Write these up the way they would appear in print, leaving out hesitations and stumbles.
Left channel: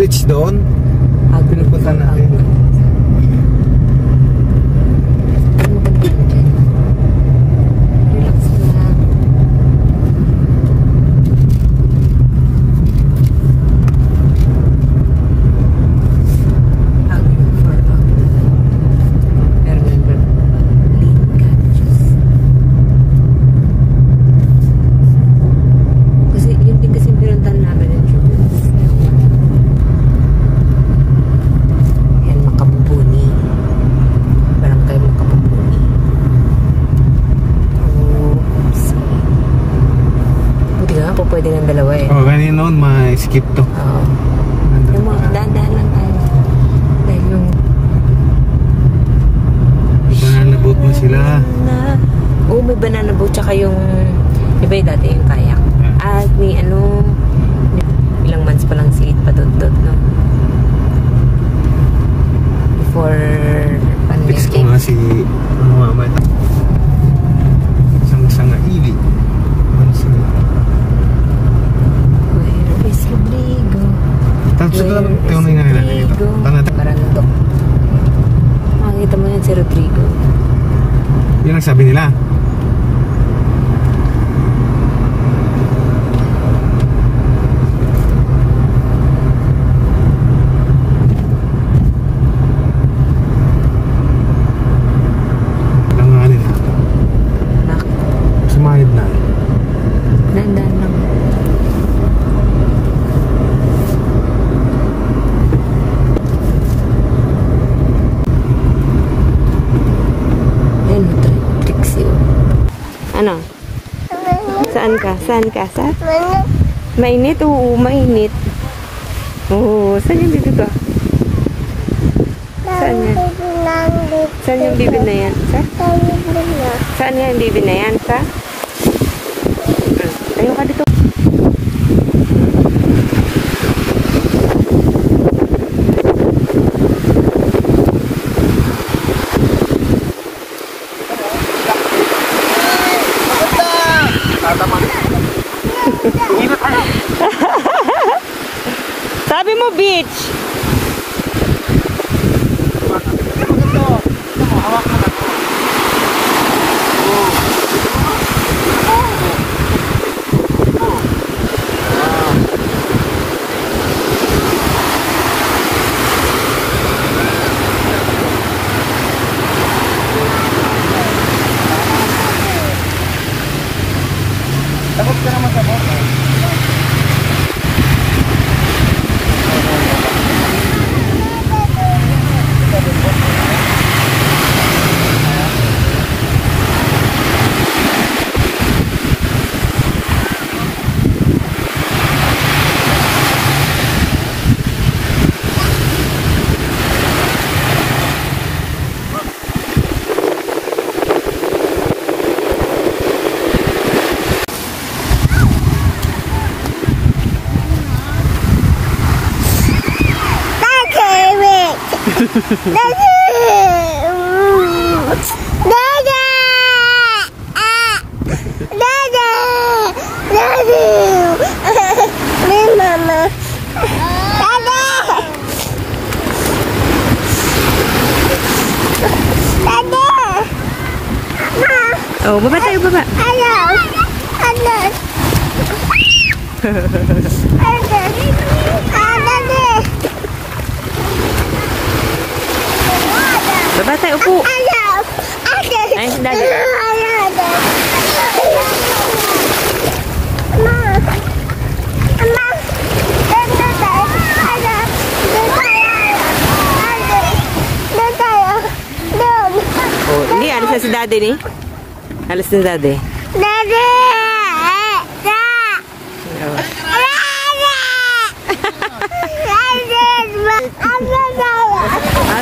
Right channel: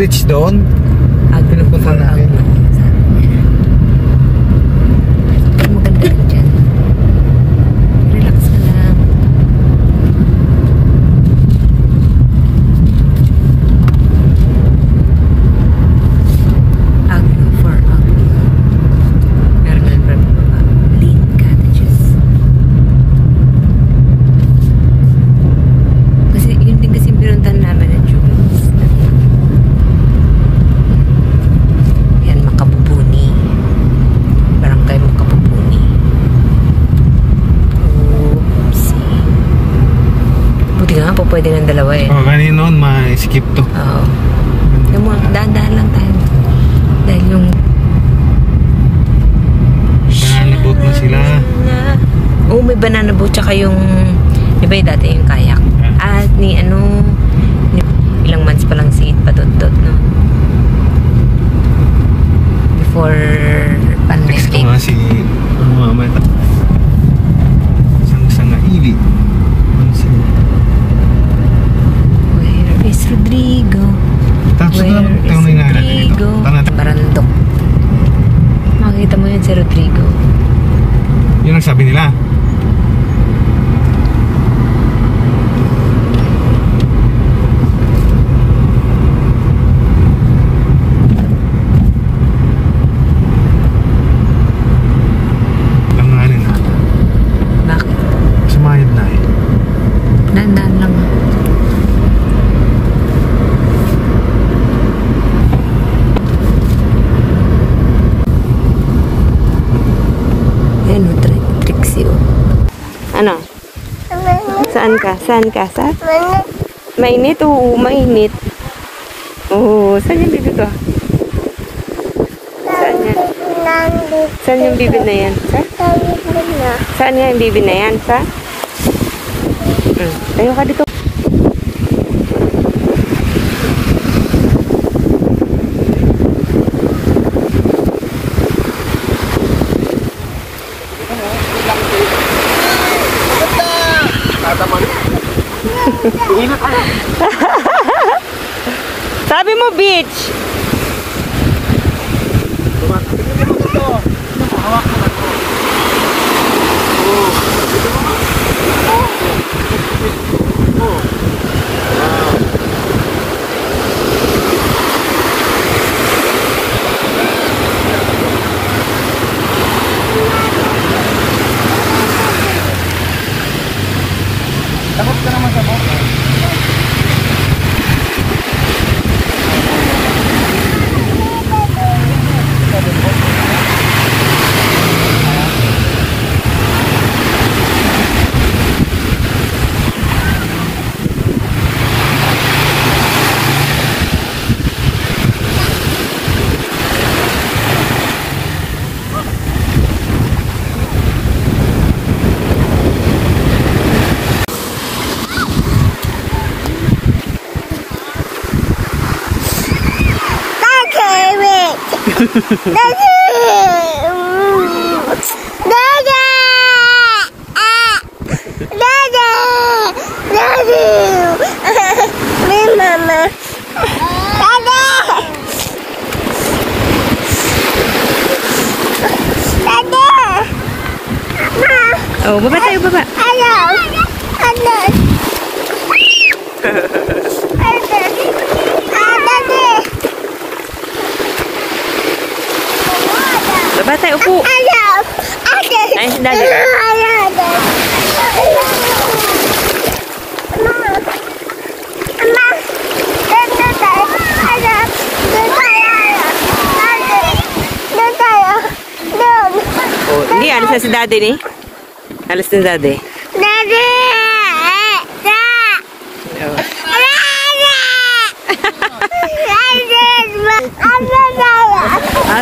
beach doon. Agno for Agno. Pero maganda rin dyan. Relax ka lang. Agno for Agno. Meron na rin ba? Lean cottages. Kasi yun din kasi pinuntahan namin ng Jubilees. Yan, Makabubuni. Barangay Makabubuni. Oopsie. Buti nga po pwede ng dalawa eh. Oh, kanina noon ma-skip to. Oo. Yung mga daan-daan lang tayo. Dahil yung Banana boat na sila. Oo, may banana boat tsaka yung iba yung dati yung kayak. At ni ano ilang months pa lang si It Padudot, no? Before Text ko pandemic. nga si Muhammad. Sang-sangaili. Where is Rodrigo? Tapos Where yung is may naalala Rodrigo? dito. Barandok. Makikita mo yan si Rodrigo. Yun ang sabi nila. Langanin na. Bakit? Sumayad na eh. Dandan lang. Ayun, Trixie, oh. Ano? Saan ka? Saan ka? Sa? Mainit? Oo, mainit. Oo, saan yung bibi ko? Saan nga? Saan yung bibi na yan? Sa? Saan nga yung bibi na yan? Sa? Ano ka dito? Sabi mo beach. Takot ka naman sa boat. Oh, baba tayo, baba. Baba tayo, upo. Ay, dali. Oh, hindi, alis na si daddy ni. Alis na si daddy. Daddy! Oh.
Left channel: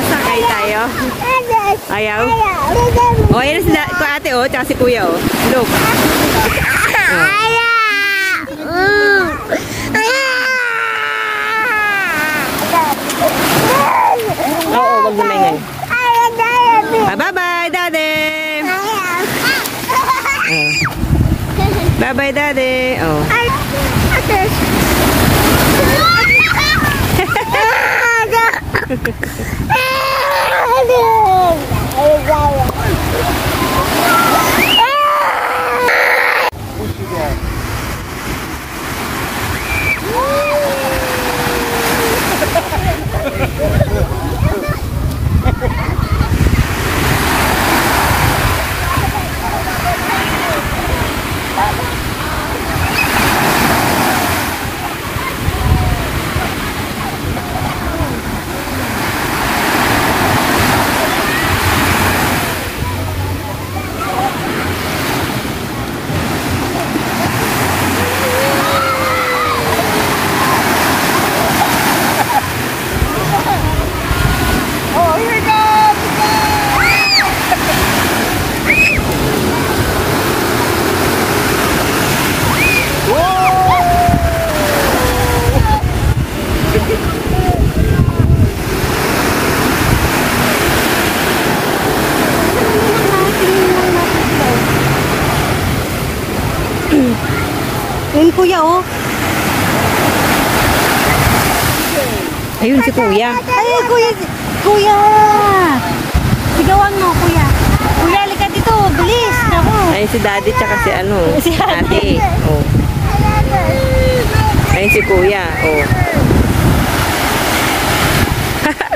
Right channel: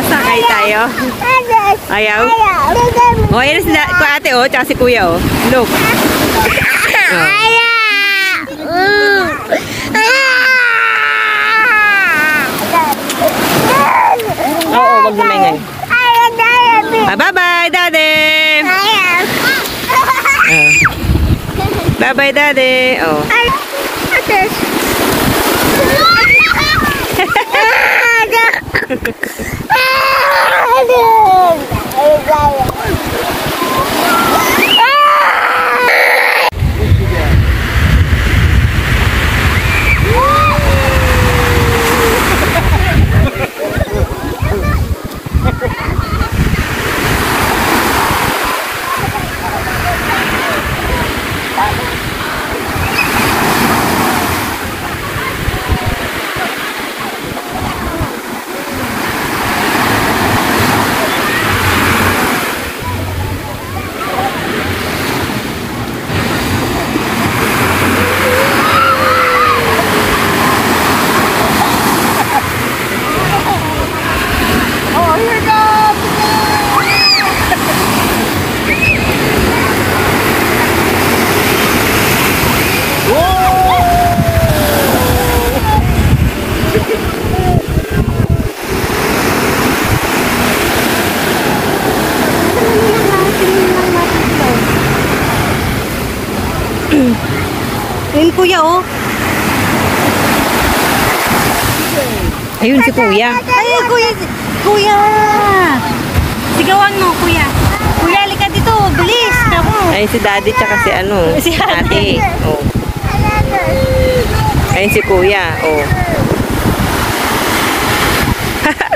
Sakay tayo. Ayaw? Oh, yan si ate, oh, tsaka si kuya, oh. Look. Oh. Oo, wag mo na yan. Bye-bye, daddy! Bye-bye, daddy! Oh. Ayun, kuya, oh. Ayun si kuya. Ay, kuya! Kuya! Sigawan mo, kuya. Kuya, halika dito. Bilis. Ako. Ayun si daddy tsaka si ano. Si ate. Oh. Ayun si kuya. Oh.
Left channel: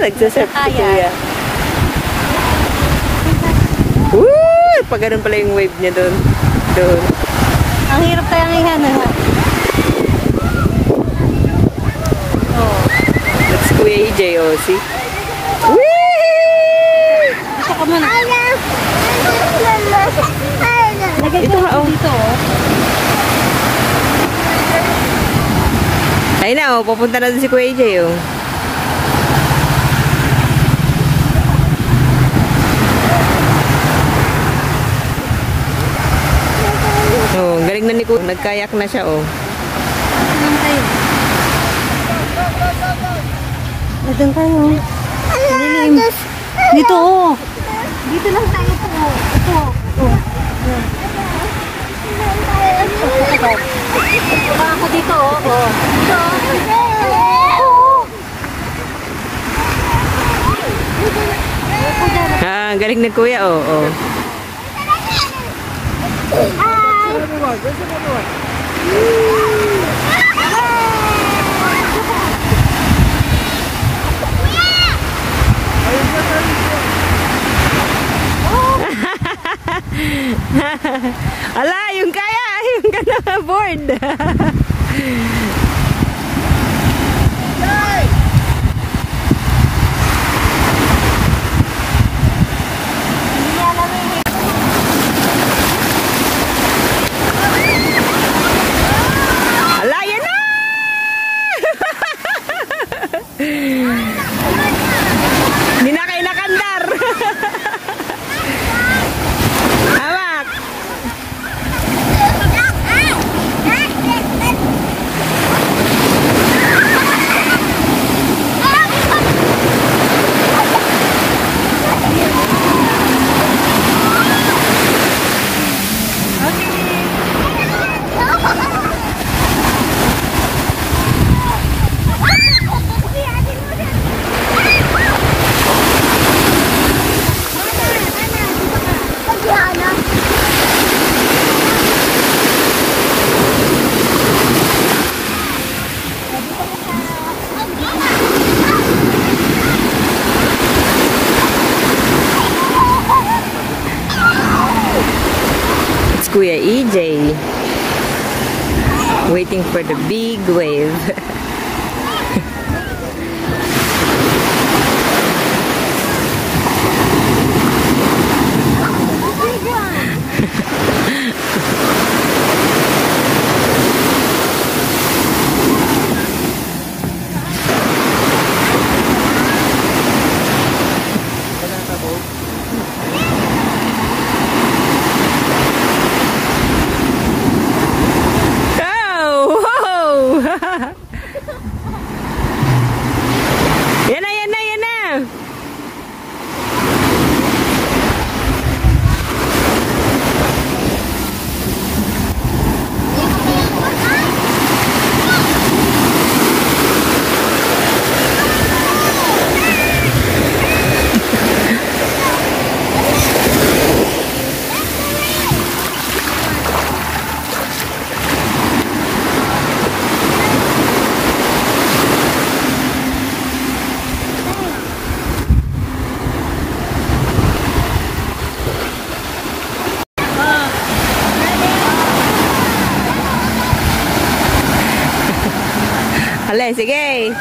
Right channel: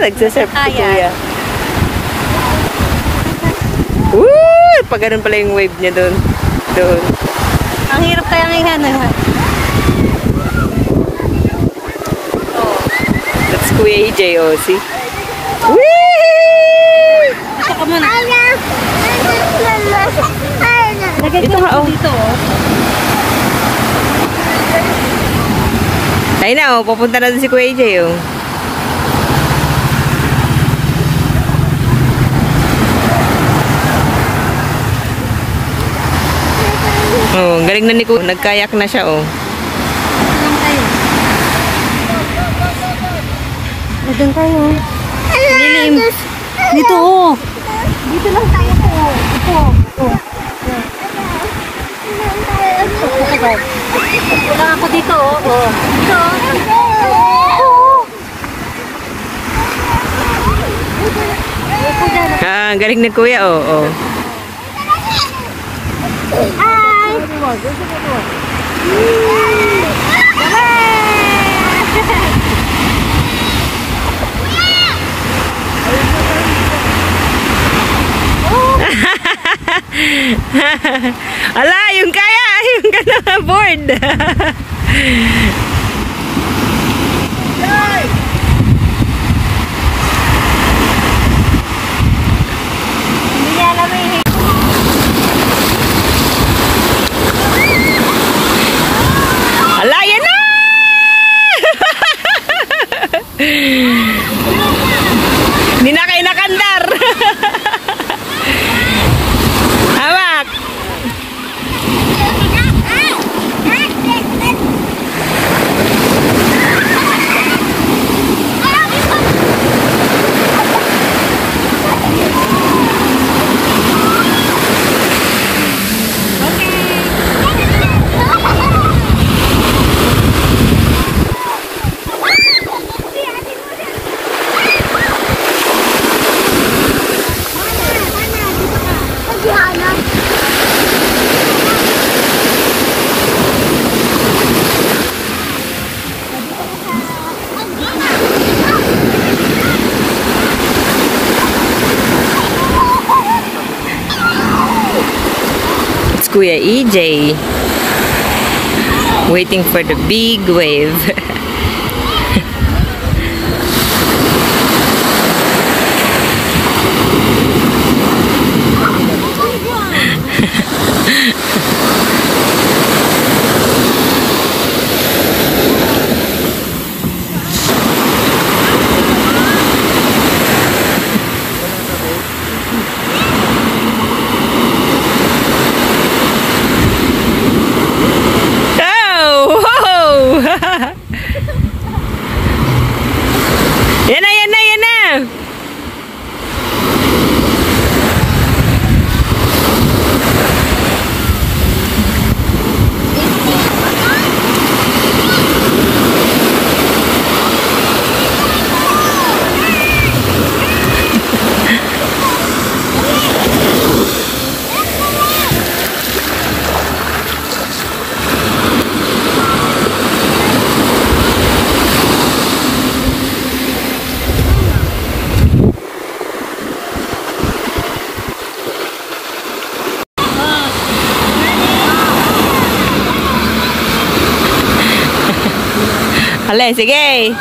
Nagsasurf si Ayan. kuya. Uy! Pag ganun pala yung wave niya doon. Doon. Ang hirap kaya ng ihan. Oh. That's Kuya EJ, oh. See? Whee! Gusto ka muna. Ito nga, oh. Dito, oh. Ayun na, oh. Papunta na doon si Kuya EJ, oh. Oh, galing na ni Kuya. Nagkayak na siya, oh. Nagdan kayo. Lilim. Dito, oh. Dito lang tayo po. Ito, oh. Wala ako dito, oh. Dito. Ah, galing na Kuya, oh. Oh. Ala, yung kaya, yung gana board. Ala, yan na! Hindi na kayo nakandar. Hawak! Kuya EJ waiting for the big wave. Hale, sige.